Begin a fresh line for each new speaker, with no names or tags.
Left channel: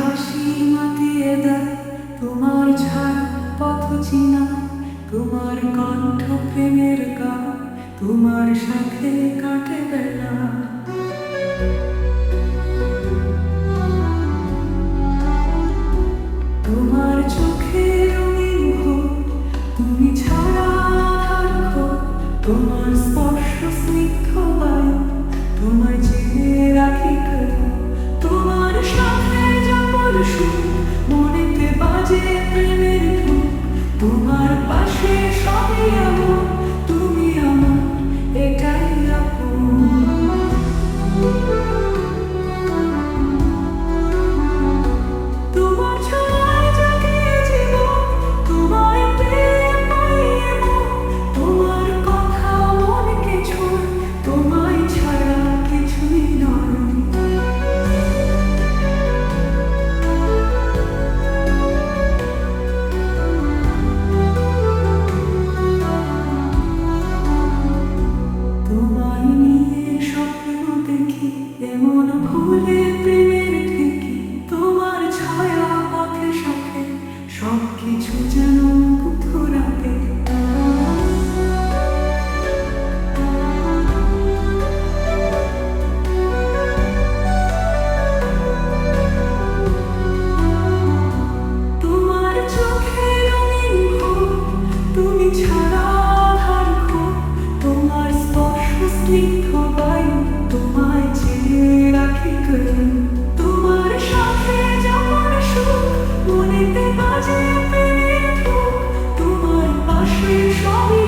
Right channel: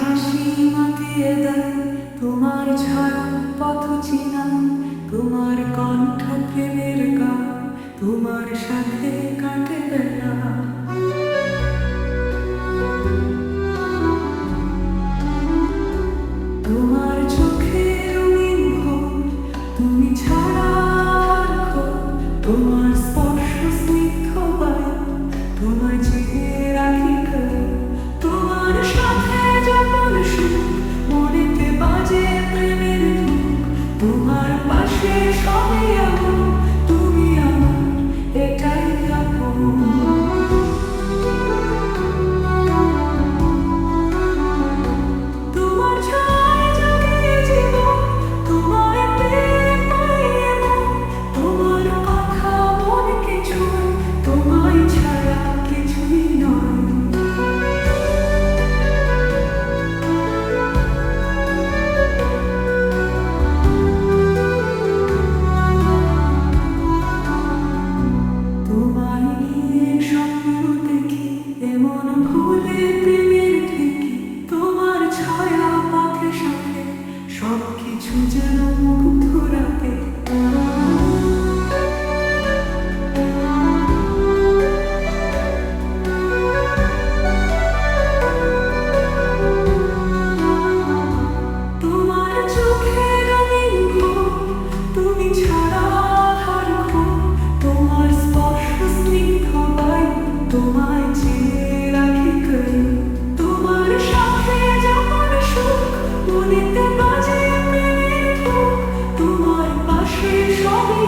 হাসি মাতিয়ে দেয়, তোমার ছায়া পথ চিনা তোমার কণ্ঠ প্রেমের গান, তোমার সাথে কাটে বেলা। তোমার চোখে তুমি ছাড়া তোমার স্পর্শ স্নিগ্ধ বায়ু, তোমার চেয়ে রাখি পাশে সবই আমার তুমি আমার, এটাই তোমার ছয় জাগে জীবন তোমার কথা মনকে ছুঁয় তোমায় ছাড়া কিছুই নয়। যেন মুগ্ধ রাতে আসে সবই